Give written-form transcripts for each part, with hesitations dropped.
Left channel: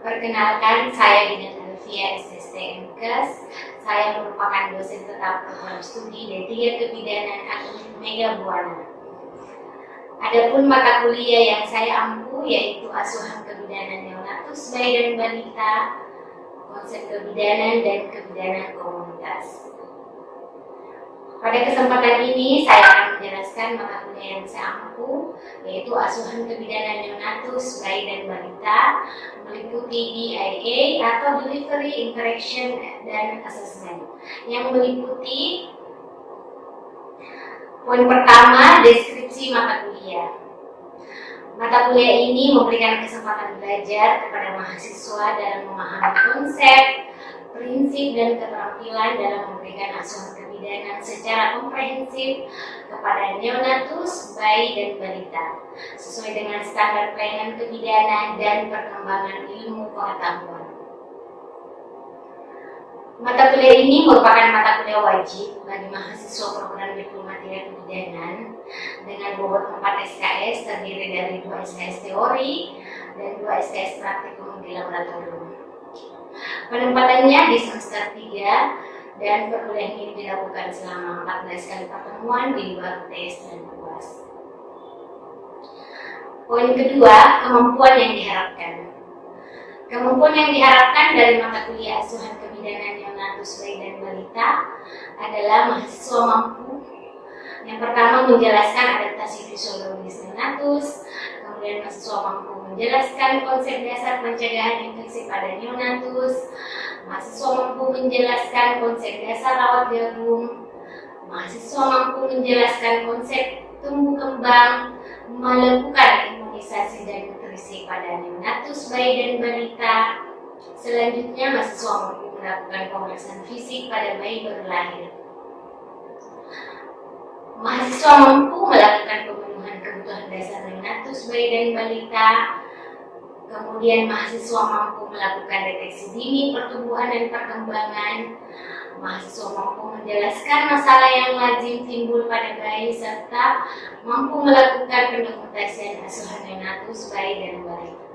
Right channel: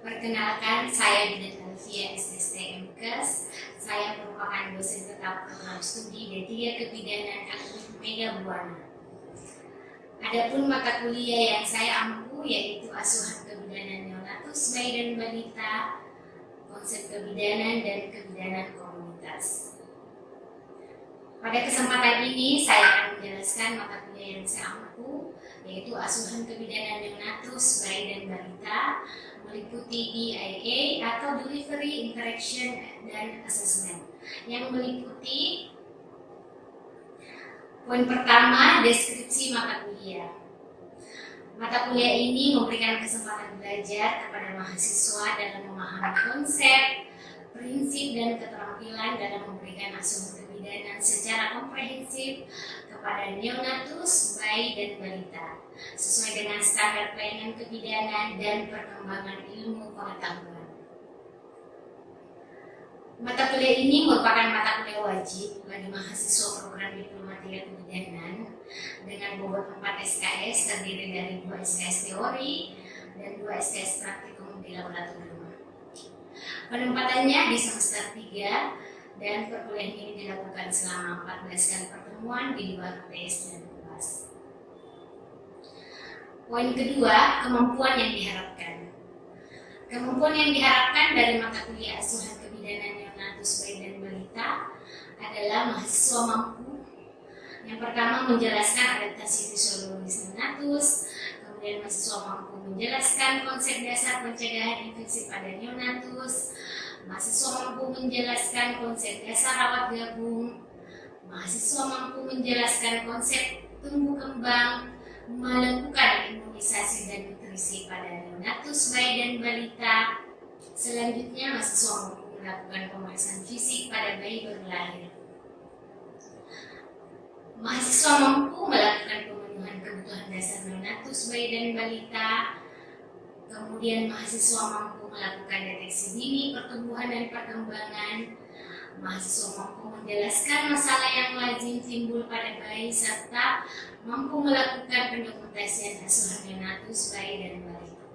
Perkenalkan, saya Dinda Alfia, SST MKes. Saya merupakan dosen tetap program studi D3 Kebidanan Akademik Mega Buana. Adapun mata kuliah yang saya ampu yaitu asuhan kebidanan neonatus, bayi dan balita, konsep kebidanan dan kebidanan komunitas. Pada kesempatan ini saya akan menjelaskan mata kuliah yang saya ampu yaitu asuhan kebidanan neonatus, bayi dan balita, meliputi DIA atau Delivery, Interaction, dan Assessment, yang meliputi poin pertama, deskripsi mata kuliah. Mata kuliah ini memberikan kesempatan belajar kepada mahasiswa dalam memahami konsep, prinsip, dan keterampilan dalam memberikan asuhan kebidanan secara komprehensif kepada neonatus, bayi, dan balita, sesuai dengan standar pelayanan kebidanan dan perkembangan ilmu pengetahuan. Mata kuliah ini merupakan mata kuliah wajib bagi mahasiswa program diploma kebidanan dengan bobot 4 SKS terdiri dari 2 SKS teori dan 2 SKS praktikum di laboratorium. Penempatannya di semester 3 dan perkuliahan ini dilakukan selama 14 kali pertemuan di luar UTS dan UAS. Poin kedua, kemampuan yang diharapkan. Kemampuan yang diharapkan dari mata kuliah asuhan kebidanan neonatus, bayi dan balita adalah mahasiswa mampu yang pertama menjelaskan adaptasi fisiologis neonatus, kemudian mahasiswa mampu menjelaskan konsep dasar pencegahan infeksi pada neonatus, mahasiswa mampu menjelaskan konsep dasar rawat gabung, mahasiswa mampu menjelaskan konsep tumbuh kembang, melakukan imunisasi dan nutrisi pada neonatus, bayi dan balita. Selanjutnya, mahasiswa mampu melakukan pemeriksaan fisik pada bayi baru lahir. Mahasiswa mampu melakukan pemenuhan kebutuhan dasar neonatus, bayi dan balita. Kemudian mahasiswa mampu melakukan deteksi dini pertumbuhan dan perkembangan. Mahasiswa mampu menjelaskan masalah yang lazim timbul pada bayi serta mampu melakukan pendokumentasian asuhan neonatus, bayi dan balita.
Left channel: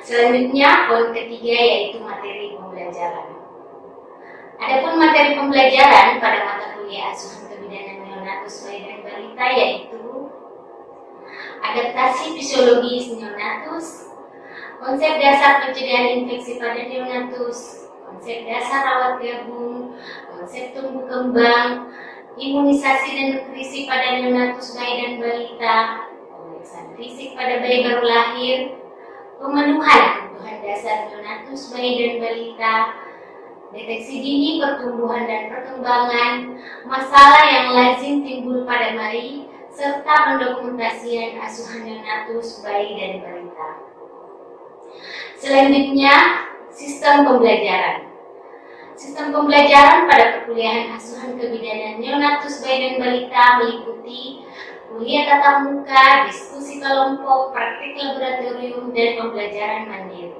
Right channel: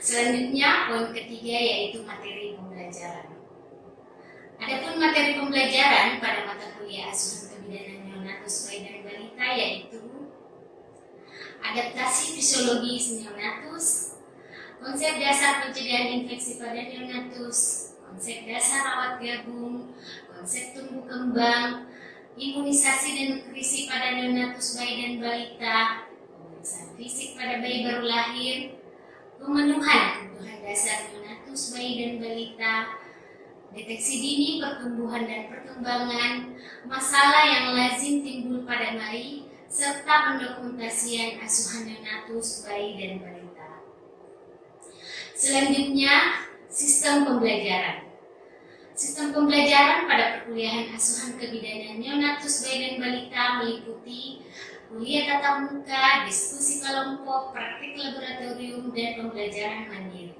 Selanjutnya, poin ketiga yaitu materi pembelajaran. Adapun materi pembelajaran pada mata kuliah asuhan kebidanan neonatus, bayi dan balita yaitu adaptasi fisiologis neonatus, konsep dasar pencegahan infeksi pada neonatus, konsep dasar rawat gabung, konsep tumbuh kembang, imunisasi dan nutrisi pada neonatus, bayi dan balita, pemeriksaan fisik pada bayi baru lahir, pemenuhan kebutuhan dasar neonatus, bayi dan balita, deteksi dini pertumbuhan dan perkembangan, masalah yang lazim timbul pada bayi, serta pendokumentasian asuhan neonatus, bayi dan balita. Selanjutnya, sistem pembelajaran. Sistem pembelajaran pada perkuliahan asuhan kebidanan neonatus, bayi dan balita meliputi kuliah tatap muka, diskusi kelompok, praktik laboratorium, dan pembelajaran mandiri.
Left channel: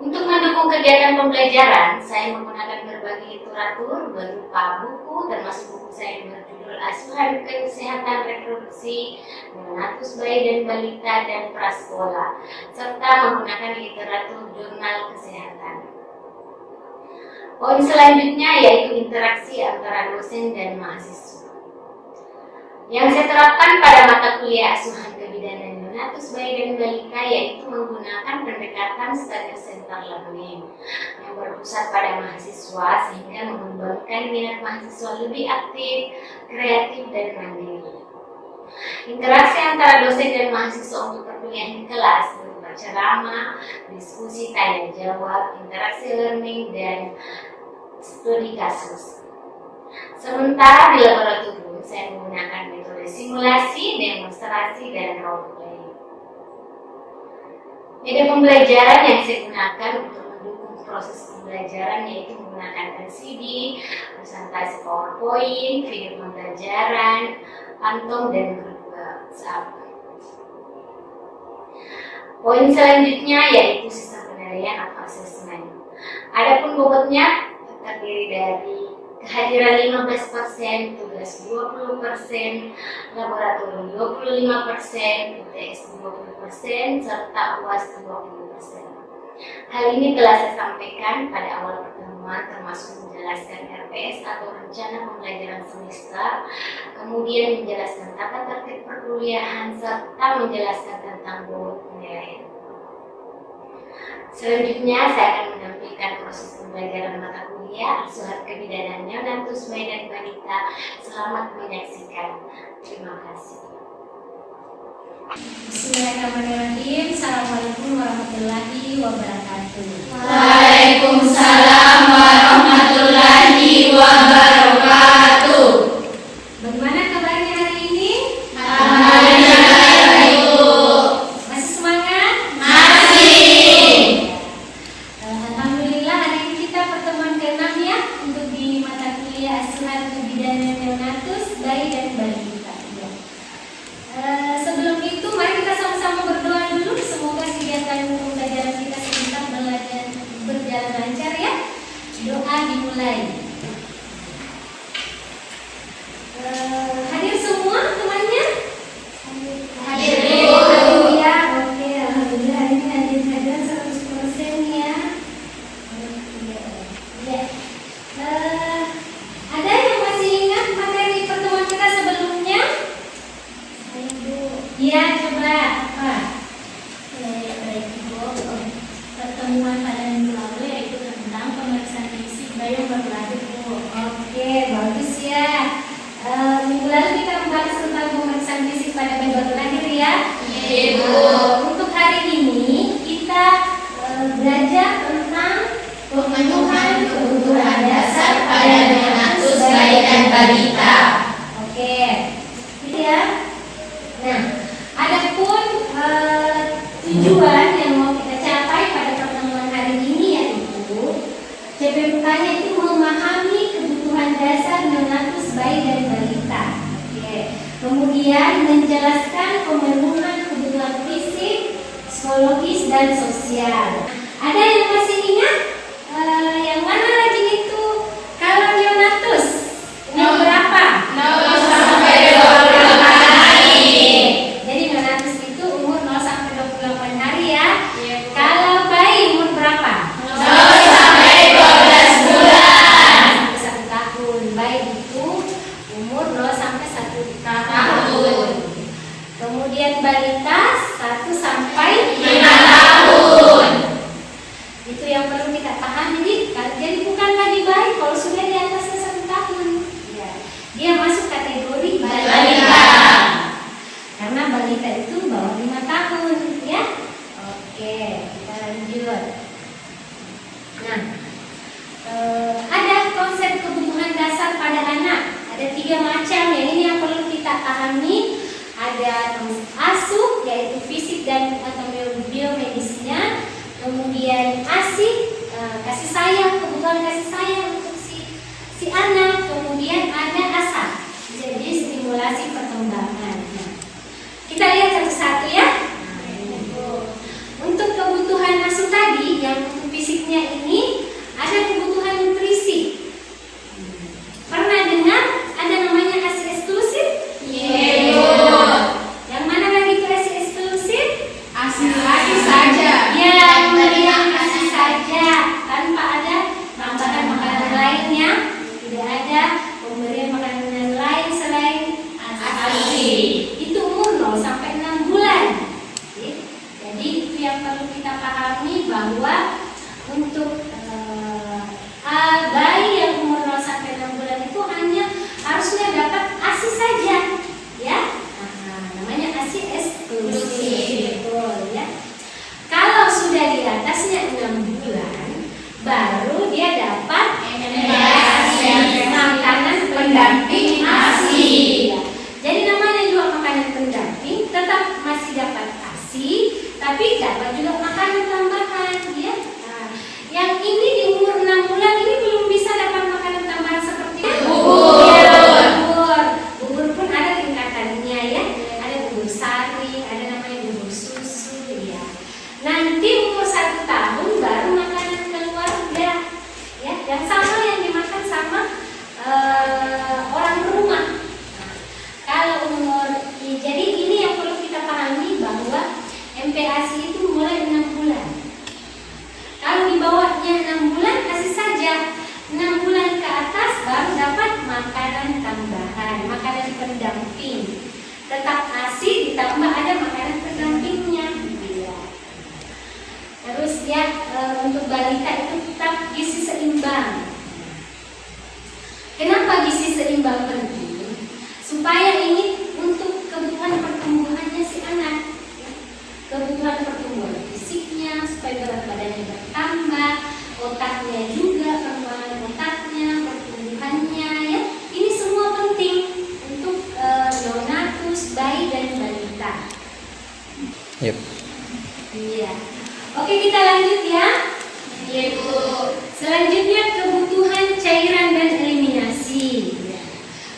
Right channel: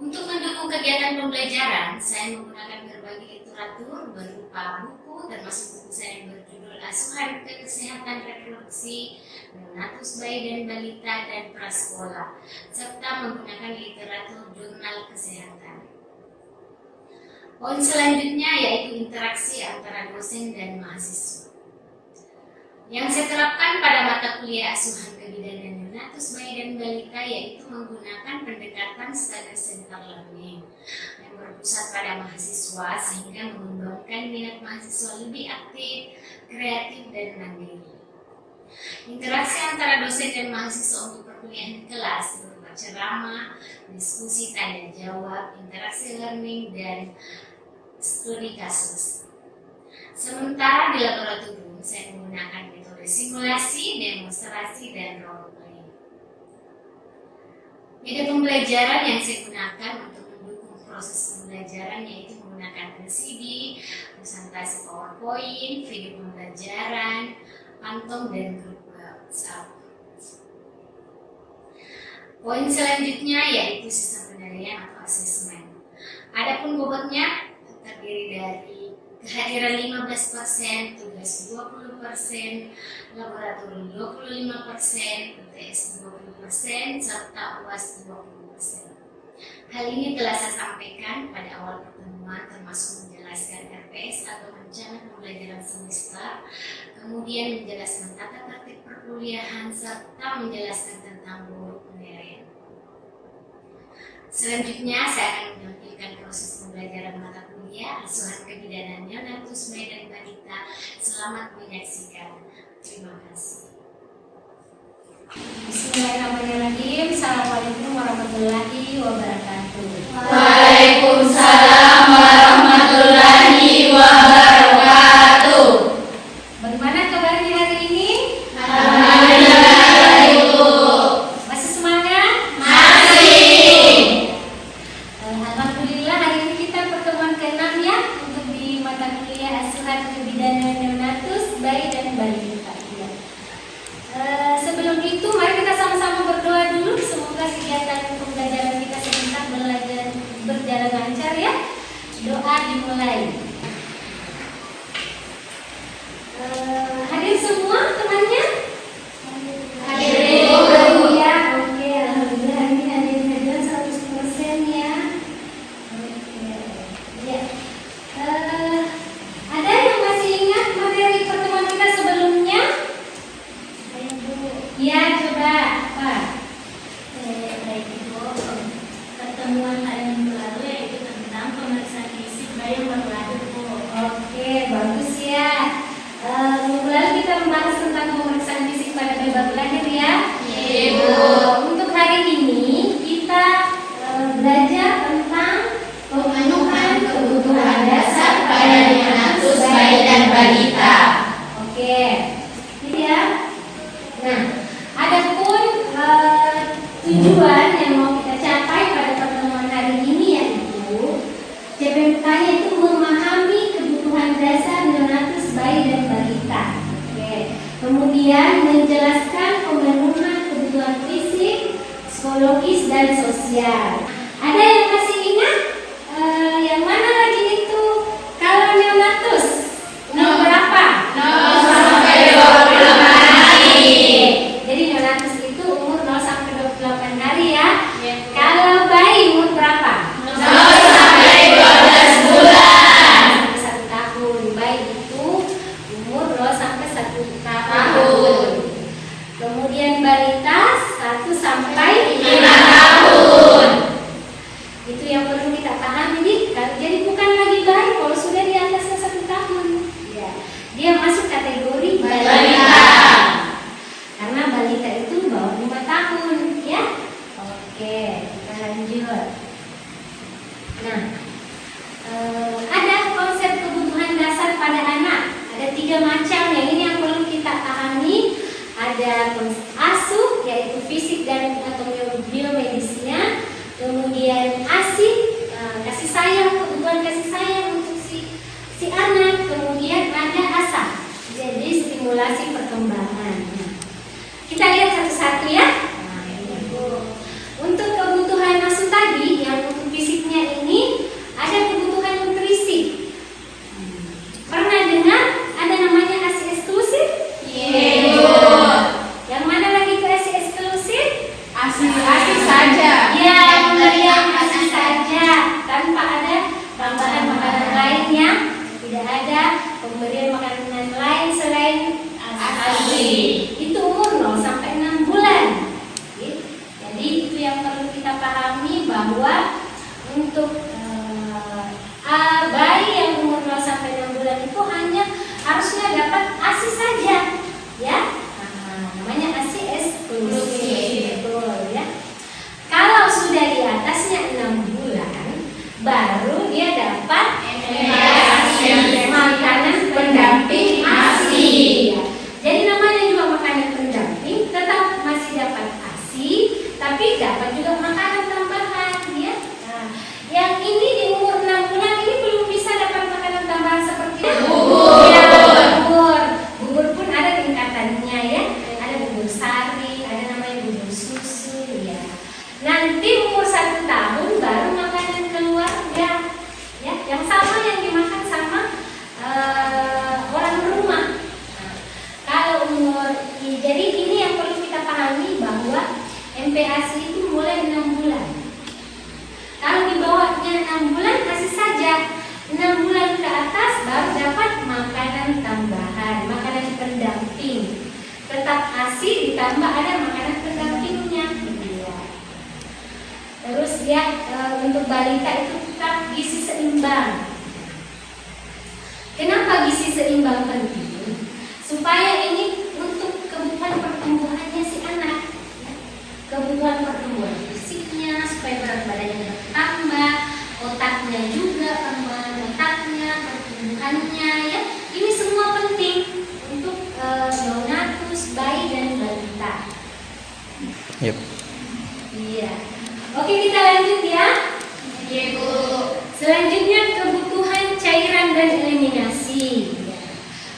Untuk mendukung kegiatan pembelajaran, saya menggunakan berbagai literatur berupa buku, termasuk buku saya yang berjudul Asuhan Kesehatan Reproduksi Neonatus, Bayi dan Balita dan Prasekolah, serta menggunakan literatur jurnal kesehatan. Poin selanjutnya yaitu interaksi antara dosen dan mahasiswa. Yang saya terapkan pada mata kuliah asuhan kebidanan neonatus, bayi dan balita yaitu menggunakan pendekatan study center learning yang berpusat pada mahasiswa sehingga mengembangkan minat mahasiswa lebih aktif, kreatif, dan mandiri. Interaksi antara dosen dan mahasiswa untuk perkuliahan kelas berupa ceramah, diskusi tanya jawab, interaksi learning, dan studi kasus. Sementara di laboratorium, saya menggunakan metode simulasi, demonstrasi, dan role play. Metode pembelajaran yang saya gunakan untuk mendukung proses pembelajaran yaitu menggunakan LCD, presentasi PowerPoint, video pembelajaran, pantong, dan grup WhatsApp. Poin selanjutnya yaitu sistem penilaian atau asesmen. Adapun bobotnya terdiri dari kehadiran 15%, tugas 20%, laboratorium 25%, UTS 20%, serta UAS 20%. Hal ini telah saya sampaikan pada awal pertemuan, termasuk menjelaskan RPS atau rencana pembelajaran semester, kemudian menjelaskan tata tertib perkuliahan, serta menjelaskan tentang bobot penilaian. Selanjutnya saya akan menampilkan proses pembelajaran mata kuliah asuhan kebidanan neonatus bayi dan balita. Selamat menyaksikan. Terima kasih. Bismillahirrahmanirrahim. Assalamualaikum warahmatullahi wabarakatuh. Waalaikumsalam warahmatullahi wabarakatuh. Bagaimana kabarnya hari ini? Alhamdulillah, Ibu. Masih semangat? Masih. Alhamdulillah, hari ini kita pertemuan ke-6 ya, untuk di mata kuliah asuhan kebidanan neonatus bayi dan balita. Sebelum itu, mari kita sama-sama berdoa dulu. Semoga kegiatan pembelajaran kita sebentar berjalan lancar ya. Doa dimulai. Hadir semua temannya? Hadir ya. Oke, alhamdulillah hari ini hadir 100% ya. Ya. Ada yang masih ingat materi pertemuan kita sebelumnya? Ya, coba apa? Baik Ibu, pertemuan pada minggu lalu yaitu tentang pemeriksaan fisik bayi yang baru lahir Bu. Oke, bagus ya. Minggu lalu kita membahas tentang pemeriksaan fisik pada bayi baru lahir ya. Iya Bu. Untuk hari ini kita belajar tentang Pemenuhan kebutuhan dasar pada neonatus bayi dan balita. Oke, gitu ya. Nah, adapun tujuan yang mau kita capai pada pertemuan hari ini yaitu CPMK-nya itu memahami kebutuhan dasar neonatus bayi dan balita. Oke. Kemudian menjelaskan pemenuhan kebutuhan fisik, psikologis dan sosial. Ada yang masih ingat? Yang mana lagi itu? Kalau neonatus nomor berapa? Nomor sampai 28 hari. Jadi neonatus itu umur 0 sampai 28 hari ya. Iya. Kalau bayi umur berapa? 0 sampai 12 bulan. Sampai 1 tahun. Bayi itu umur 0 sampai 1 Tahun. Kemudian balita 1 sampai 5 tahun. Itu yang perlu kita pahami. Jadi bukan lagi bayi kalau sudah di atasnya 1 tahun. Ya. Dia masuk kategori balita. Karena balita itu bawah 5 tahun ya. Oke, kita lanjut. Nah, ada konsep kebutuhan dasar pada anak. Ada 3 macam ya. Ini yang perlu kita pahami. Ada konsep asuh yaitu fisik dan atau biomedisnya. Kemudian kasih sayang, kebutuhan kasih sayang untuk si anak. Kemudian ada asa, jadi stimulasi perkembangan. Nah, kita lihat satu-satu ya. Nah, ini. Untuk kebutuhan asuh tadi, yang untuk fisiknya ini ada kebutuhan nutrisi. Pernah dengar ada namanya ASI eksklusif? Iya. Yang mana lagi itu ASI eksklusif? Asi saja. Yang ASI saja, tanpa ada tambahan makanan lainnya. Tidak ada pemberian makanan lain selain ASI. Itu umur 0 sampai 6 bulan. Jadi itu yang perlu kita pahami, bahwa untuk bayi yang umur 0 sampai 6 bulan itu hanya harusnya dapat ASI saja, ya. Namanya ASI eksklusif. Betul ya. Kalau sudah di atasnya 6 bulan, baru dia dapat makanan pendamping ASI. Ya. Jadi namanya juga makanan pendamping, tetap masih dapat ASI, tapi dapat juga makanan tambahan ya. Nah, yang ini di umur 6 bulan ini belum bisa dapat makanan tambahan seperti Bubur. ya, bubur. Bubur pun ada tingkatannya ya. Ada bubur sari, ada namanya bubur susu ya. Nanti umur 1 tahun baru makanan keluar ya. Ya, yang sama yang dimakan sama SPP ASI itu mulai 6 bulan. Kalau di bawahnya 6 bulan kasih saja 6 bulan ke atas baru dapat makanan tambahan, makanan pendamping. Tetap ASI ditambah ada makanan pendampingnya. Ya. Terus ya untuk balita itu tetap gizi seimbang. Kenapa gizi seimbang penting? Supaya ini untuk kebutuhan pertumbuhannya si anak, ya. Kebutuhan pertumbuhan fisiknya supaya berat badannya bertambah, otaknya juga otaknya, pertumbuhannya, ya. Ini semua penting untuk neonatus, bayi dan balita. Yep. Iya. Oke, kita lanjut ya. Iya, Bu. Selanjutnya kebutuhan cairan dan eliminasi. Ya.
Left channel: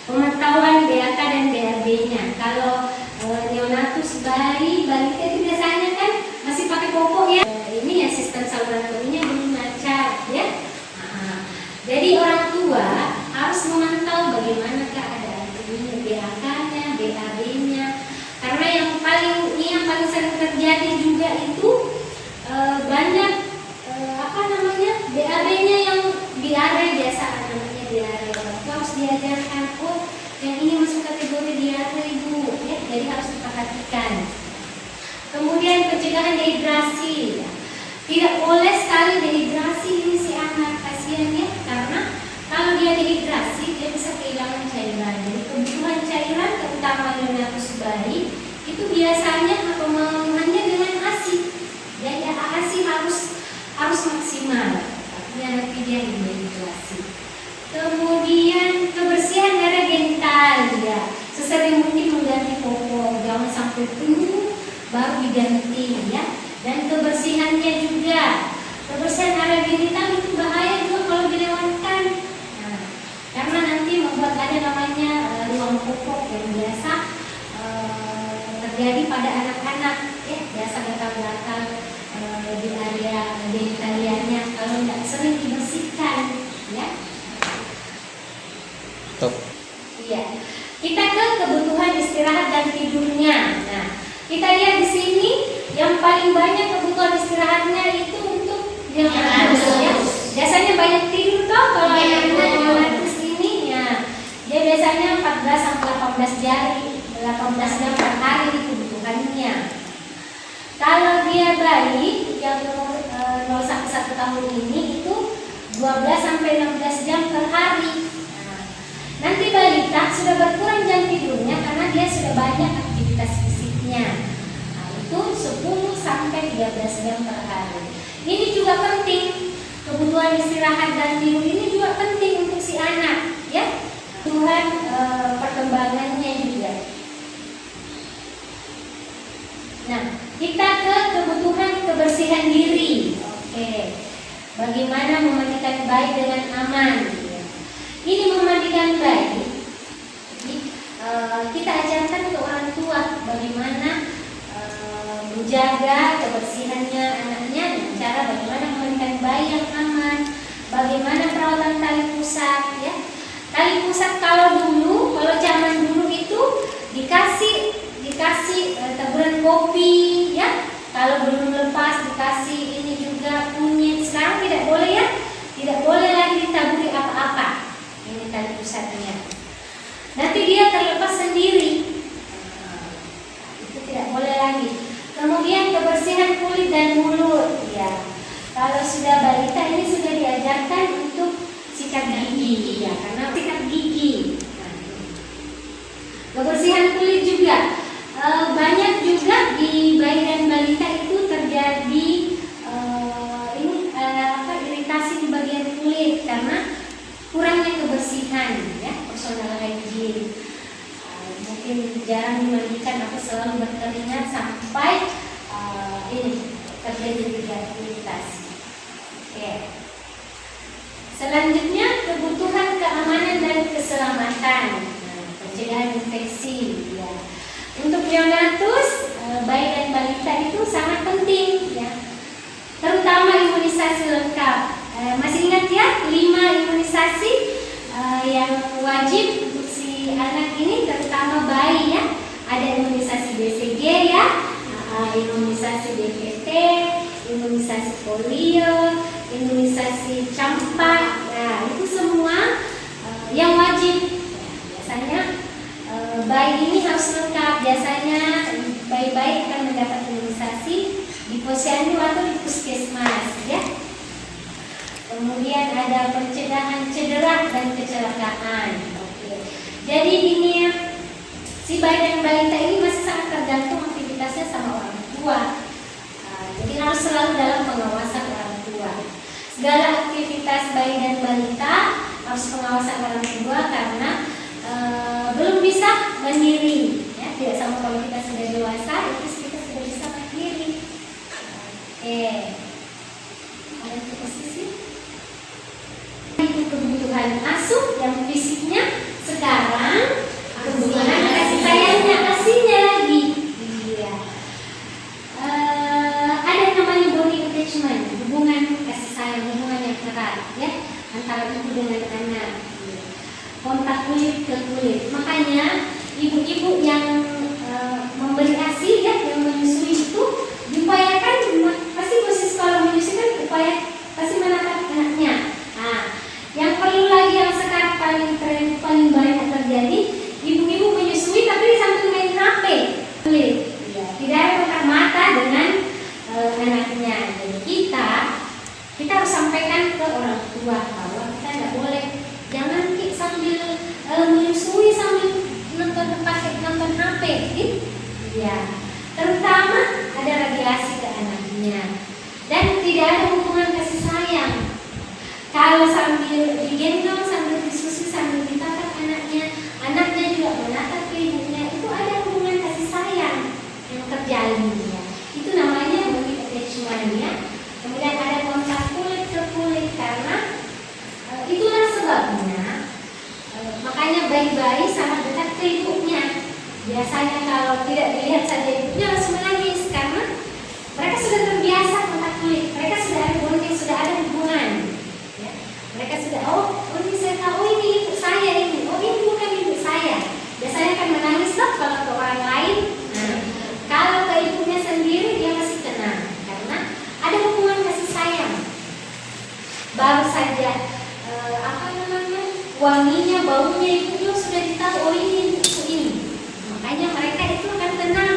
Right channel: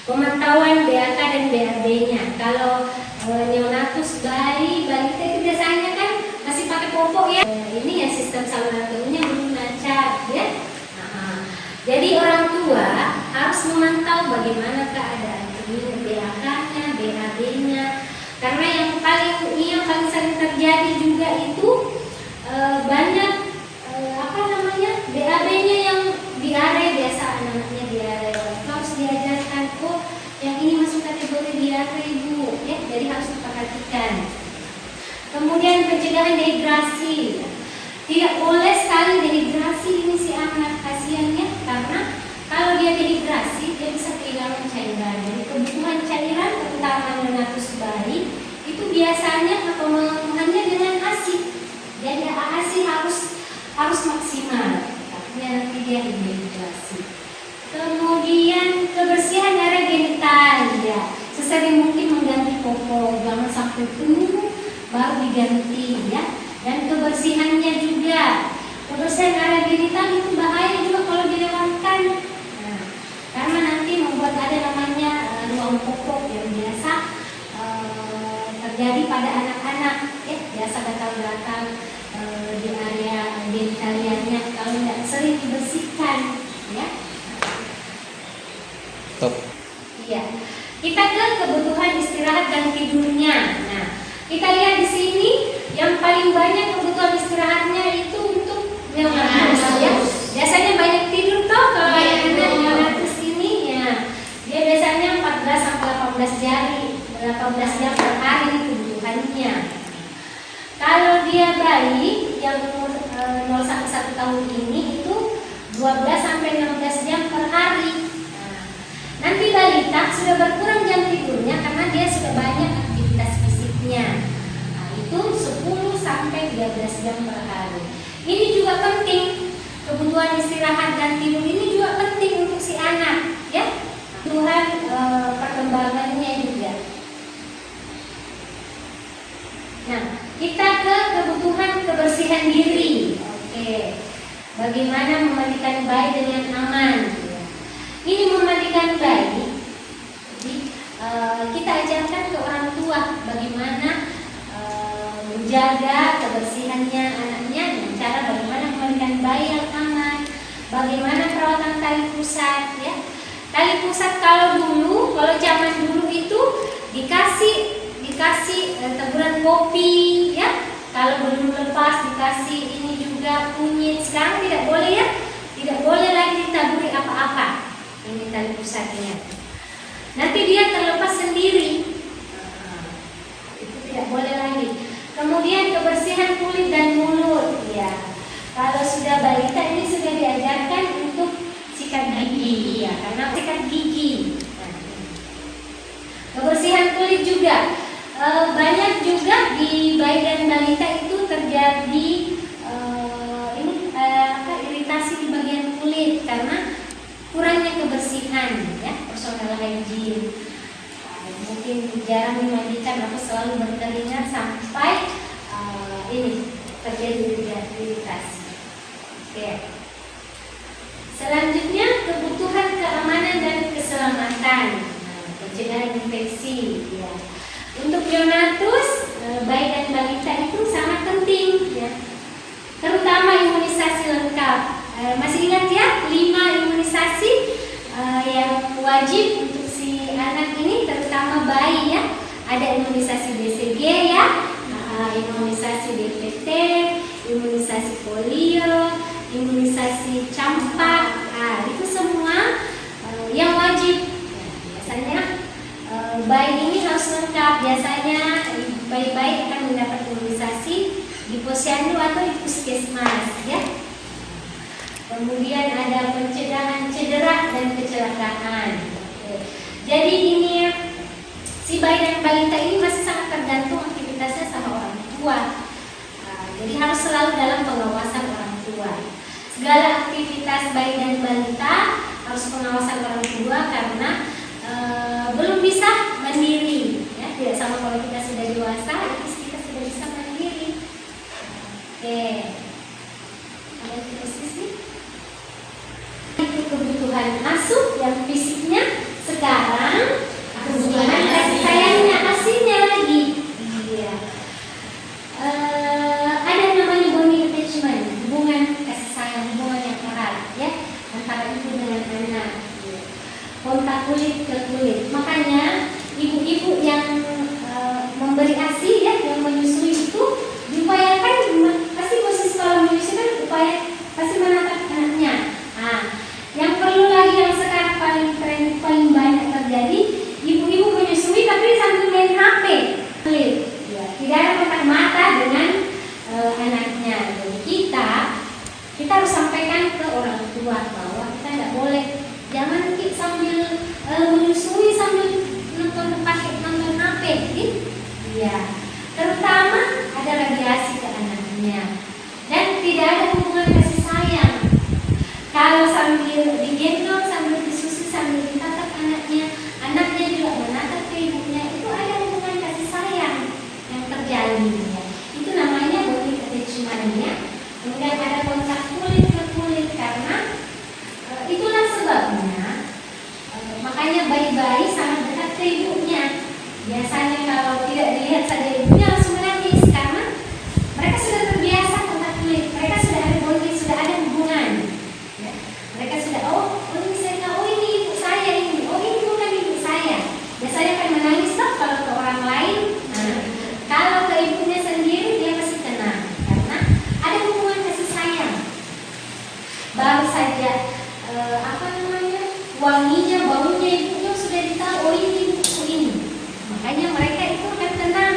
Pengetahuan BAK dan BAB-nya. Kalau neonatus, bayi, balita itu biasanya kan masih pakai popok ya. Ini ya sistem saluran kemihnya belum lancar ya. Jadi orang tua harus memantau bagaimana keadaan kemihnya, BAK-nya, BAB-nya. Karena yang paling sering terjadi juga itu banyak BAB-nya yang diare, biasa namanya diare. Itu harus diajarkan, oh yang ini masuk kategori diare Bu, ya, jadi harus diperhatikan. Kemudian pencegahan dehidrasi, ya. Tidak boleh sekali dehidrasi ini si anak, kasihan ya, karena kalau dia dehidrasi dia bisa kehilangan cairan. Jadi kebutuhan cairan terutama neonatus bayi itu biasanya pemenuhannya dengan ASI. Jadi ASI harus maksimal. Nanti dia dehidrasi. Kemudian kebersihan area genital, ya, sesering mungkin mengganti popok, jangan sampai penuh baru diganti ya. Dan kebersihannya juga, kebersihan area genital itu bahaya juga kalau dilewatkan. Nah, karena nanti membuat ada namanya ruang popok yang biasa terjadi pada anak-anak, ya, biasa gatal-gatal di area genitalianya kalau tidak sering dibersihkan, ya. Top. Iya. Kita ke kebutuhan istirahat dan tidurnya. Nah, kita lihat di sini yang paling banyak kebutuhan istirahatnya itu untuk neonatus, ya. Biasanya banyak tidur toh kalau anak neonatus ini, ya. Dia biasanya 14 sampai 18 jam per hari kebutuhannya. Kalau dia bayi yang umur 0 sampai 1 tahun ini itu 12 sampai 16 jam per hari. Nah, nanti balita sudah berkurang jam tidurnya karena dia sudah banyak aktivitas fisiknya. Nah, itu 10 sampai 13 jam per hari. Ini juga penting. Kebutuhan istirahat dan tidur ini juga penting untuk si anak, ya. Kebutuhan perkembangannya juga. Nah, kita ke kebutuhan kebersihan diri. Oke. Bagaimana memandikan bayi dengan aman? Ini memandikan bayi. Jadi, kita ajarkan ke orang tua bagaimana menjaga kebersihannya anaknya, cara bagaimana memandikan bayi yang aman, bagaimana perawatan tali pusat, ya. Tali pusat kalau zaman dulu itu dikasih taburan kopi, ya. Kalau belum lepas dikasih ini juga kunyit. Sekarang tidak boleh, ya. Tidak boleh lagi ditaburi apa-apa. Ini tali pusatnya. Nanti dia terlepas sendiri. Itu tidak boleh lagi. Kemudian kebersihan kulit dan mulut, ya. Kalau sudah balita ini sudah diajarkan untuk sikat gigi, ya, karena sikat gigi. Kebersihan kulit juga. Banyak juga di bayi dan balita itu terjadi iritasi di bagian kulit karena kurangnya kebersihan, ya, personal hygiene. Mungkin jarang dimandikan atau selalu berkeringat sampai ini terjadi iritasi. Oke. Selanjutnya kebutuhan keamanan dan keselamatan, pencegahan infeksi, ya. Untuk neonatus, bayi dan balita itu sangat penting, ya. Terutama imunisasi lengkap. Masih ingat ya 5 imunisasi yang wajib untuk si anak ini, terutama bayi, ya. Ada imunisasi BCG, ya, imunisasi DPT, imunisasi polio, imunisasi campak. Nah, itu semua yang wajib. Biasanya bayi ini harus lengkap. Biasanya bayi-bayi akan mendapat imunisasi di posyandu atau di puskesmas, ya. Kemudian ada pencegahan cedera dan kecelakaan. Oke. Jadi ini si bayi dan balita ini masih sangat tergantung aktivitasnya sama orang tua. Jadi harus selalu dalam pengawasan orang tua. Segala aktivitas bayi dan balita harus pengawasan orang tua karena belum bisa mandiri. Ya, tidak sama kalau kita sudah dewasa, itu kita sudah bisa mandiri. Oke. Ada posisi. Itu kebutuhan asuh yang fisiknya, sekarang kebutuhan kasih sayangnya aslinya lagi. Iya. Ada namanya bonding attachment, hubungan kasih sayang, hubungan yang erat, ya, antara ibu dengan anak. Kontak kulit ke kulit. Makanya ibu-ibu yang memberi ASI, ya, yang menyusui itu diupayakan, pasti posisi kalau menyusui kan upaya pasti menatap anaknya. Nah, yang perlu lagi yang sekarang paling banyak terjadi, ibu-ibu menyusui tapi sambil main HP. Ya, tidak ada kontak mata dengan anaknya. Jadi kita harus sampaikan ke orang tua bahwa kita tidak boleh, jangan sambil menyusui sambil nonton HP, ya. Terutama ada radiasi ke anaknya dan tidak ada hubungan kasih sayang. Kalau sambil digendong, sambil disusui, sambil ditatap anaknya juga menatap ke ibunya, itu ada hubungan kasih sayang yang terjalin, ya. Itu namanya bonding attachment, ya. Kemudian ada kontak kulit ke kulit karena itulah sebabnya makanya bayi-bayi sangat dekat ke ibunya. Biasanya kalau tidak dilihat saja ibunya langsung menangis karena mereka sudah terbiasa kontak kulit, mereka sudah ada bonding, sudah ada hubungan, ya. Mereka sudah ini saya tahu, ini ibu saya ini, ini bukan ibu saya. Biasanya kan menangis lah kalau ke orang lain. Nah, kalau ke ibunya sendiri dia pasti tenang karena ada hubungan kasih sayang. Baru saja wanginya, baunya ibunya sudah ditahu, ini ibu ini. Makanya mereka itu akan tenang.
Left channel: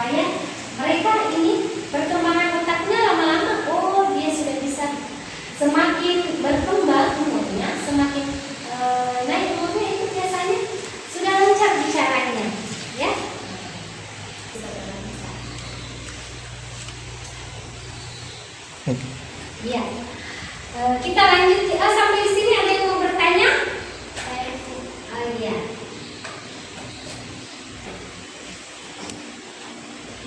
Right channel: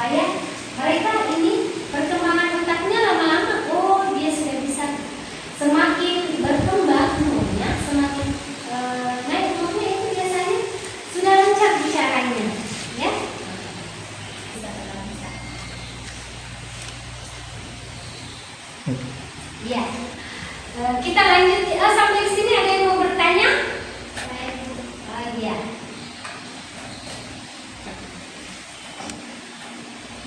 supaya mereka ini perkembangan otaknya lama-lama, oh dia sudah bisa semakin berkembang umurnya, semakin naik umurnya itu biasanya sudah lancar bicaranya, ya. Ya, kita lanjut. Sampai di sini ada yang mau bertanya? Iya.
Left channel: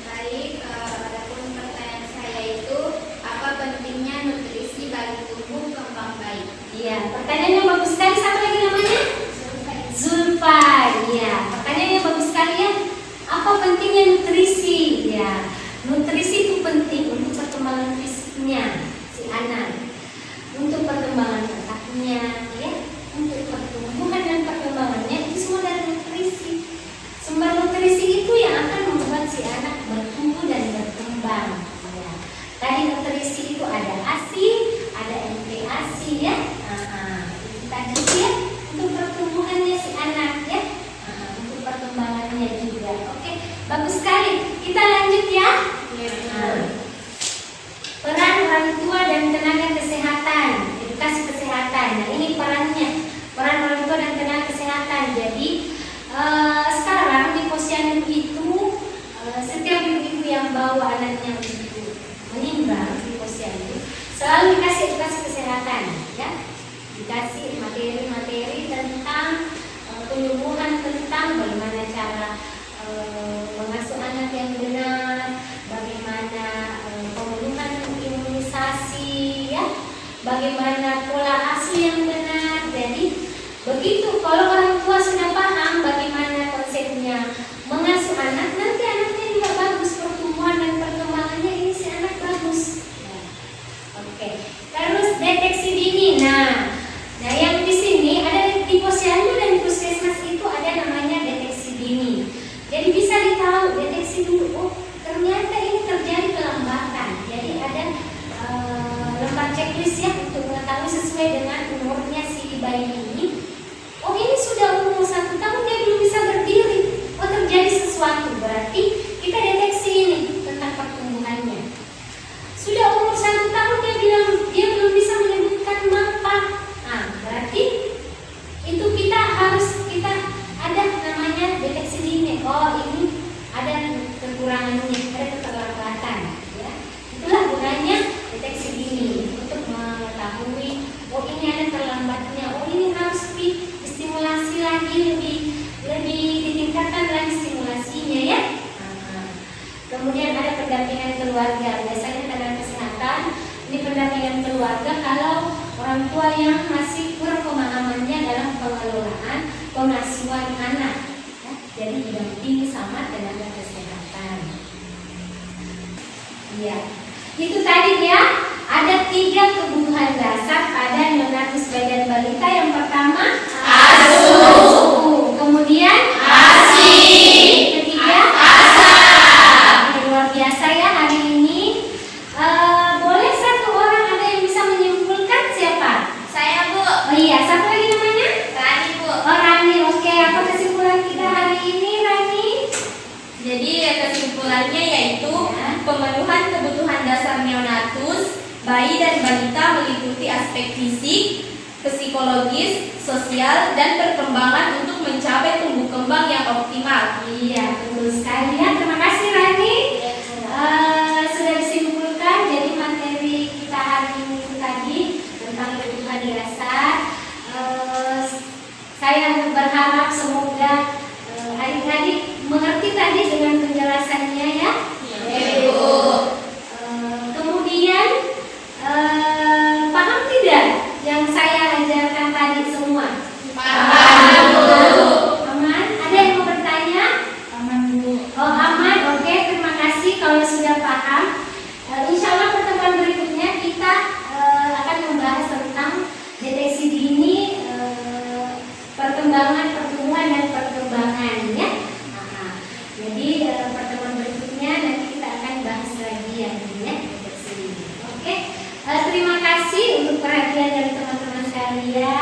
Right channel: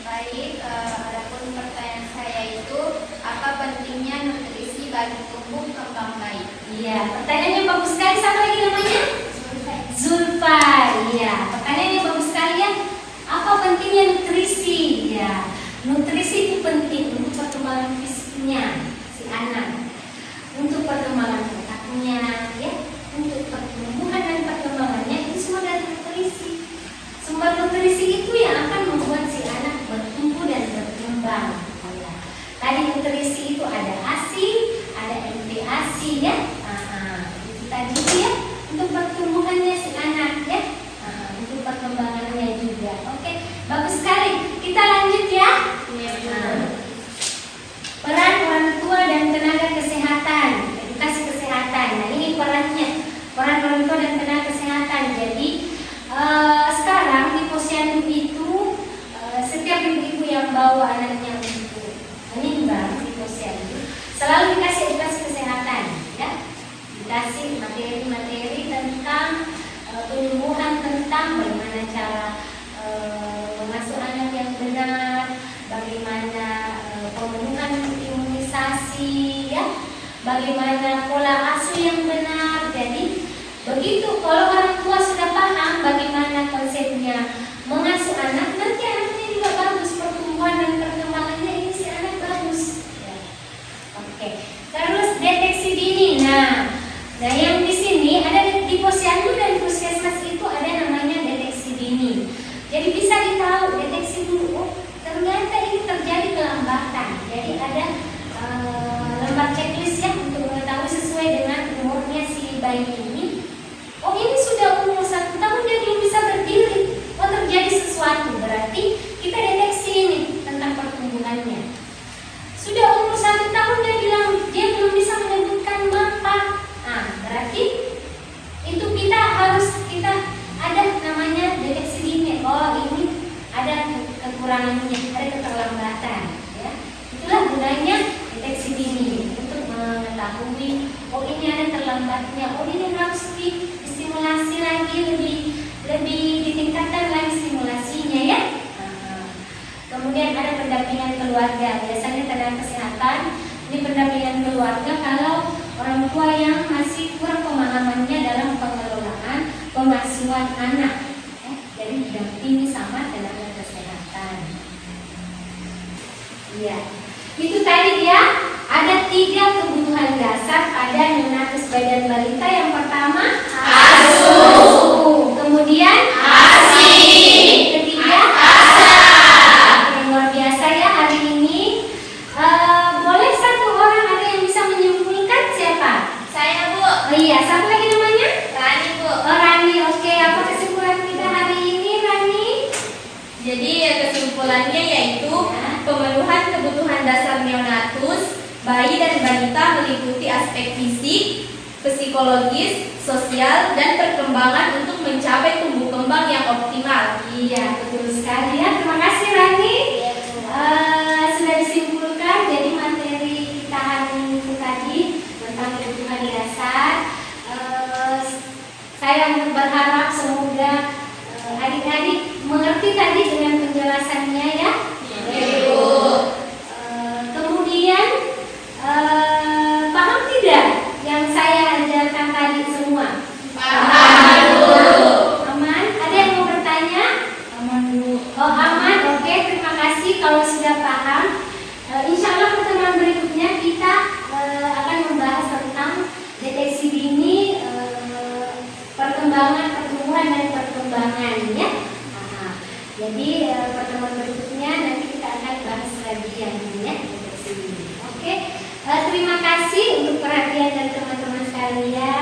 Baik, adapun pertanyaan saya itu, apa pentingnya nutrisi bagi tumbuh kembang bayi? Iya, pertanyaannya bagus sekali. Siapa lagi namanya? Zulfa. Iya, pertanyaannya bagus sekali ya. Apa pentingnya nutrisi? Ya, nutrisi itu penting untuk perkembangan fisiknya si anak, untuk perkembangan otaknya, ya, untuk pertumbuhan dan perkembangannya itu semua dari nutrisi. Sumber nutrisi itu yang akan membuat si anak bertumbuh dan berkembang. Ya. Tadi nutrisi itu ada ASI, ada NPASI, ya. Itu tadi ya untuk pertumbuhannya si anak, ya. Untuk perkembangannya juga. Oke, bagus sekali. Kita lanjut ya. Peran orang tua dan tenaga kesehatan, edukasi kesehatan. Nah, ini perannya, peran orang tua dan tenaga kesehatan. Jadi sekarang di posyandu itu setiap ibu yang bawa anaknya untuk meninggal di posyandu selalu dikasih edukasi kesehatan, ya, dikasih materi-materi tentang penyembuhan, tentang bagaimana cara mengasuh anak yang benar, bagaimana pemenuhan imunisasi, ya, bagaimana pola asuh yang benar. Jadi begitu kalau orang tua sudah paham bagaimana konsepnya mengasuh anak, nanti anaknya juga bagus pertumbuhan dan perkembangannya, ini si anak bagus. Ya. Oke. Terus deteksi dini. Nah yang di sini ada di posyandu dan di puskesmas itu ada namanya deteksi dini. Jadi bisa ditahu deteksi dulu. Oh, ternyata ini terjadi kelambatan. Jadi ada lembar checklist ya untuk mengetahui sesuai dengan umurnya si bayi ini. Oh, ini sudah umur 1 tahun dia belum bisa berdiri. Oh, terjadi sesuatu, berarti kita deteksi ini tentang pertumbuhannya. Sudah umur 1 tahun dia bilang dia belum bisa menyebutkan mapa. Nah, berarti itu kita ada namanya deteksi dini. Oh, ini ada kekurangannya, ada keterlambatan, ya. Itulah gunanya deteksi dini untuk mengetahui, oh ini ada terlambatnya, oh ini harus stimulasi lagi, lebih ditingkatkan lagi stimulasinya, ya. Kemudian ada pendampingan keluarga. Biasanya tenaga kesehatan ini pendampingan keluarga kalau orang tua yang masih kurang pemahamannya dalam pengelolaan pengasuhan anak, ya. Jadi didampingi sama tenaga kesehatan. Ya, itu tadi ya. Ada 3 kebutuhan dasar pada neonatus bayi dan balita. Yang pertama ASU, kemudian ASI, ketiga ASA. Luar biasa ya hari ini. Boleh satu orang ada yang bisa menyimpulkan siapa? Saya, Bu. Oh iya, siapa lagi namanya? Rani, Bu. Oh Rani, oke. Apa kesimpulan kita hari ini, Rani? Jadi kesimpulannya yaitu pemenuhan kebutuhan dasar neonatus bayi dan balita meliputi aspek fisik, psikologis, sosial, dan perkembangan untuk mencapai tumbuh kembang yang optimal. Iya, betul sekali ya. Terima kasih Rani. Sudah disimpulkan. Jadi materi kita hari ini itu tadi tentang kebutuhan dasar. Saya berharap semoga adik-adik mengerti tadi dengan penjelasannya ya. Kemudian paham tidak yang saya ajarkan tadi semua? Aman? Ada yang mau bertanya? Aman, Bu. Oh aman, oke, terima kasih kalau sudah paham. Insya Allah pertemuan berikutnya kita akan membahas tentang deteksi dini, perkembangan, pertumbuhan dan perkembangan ya. Jadi pertemuan berikutnya nanti kita akan bahas lagi yang ini ya, deteksi dini. Oke, terima kasih untuk perhatian dari teman-teman sekalian.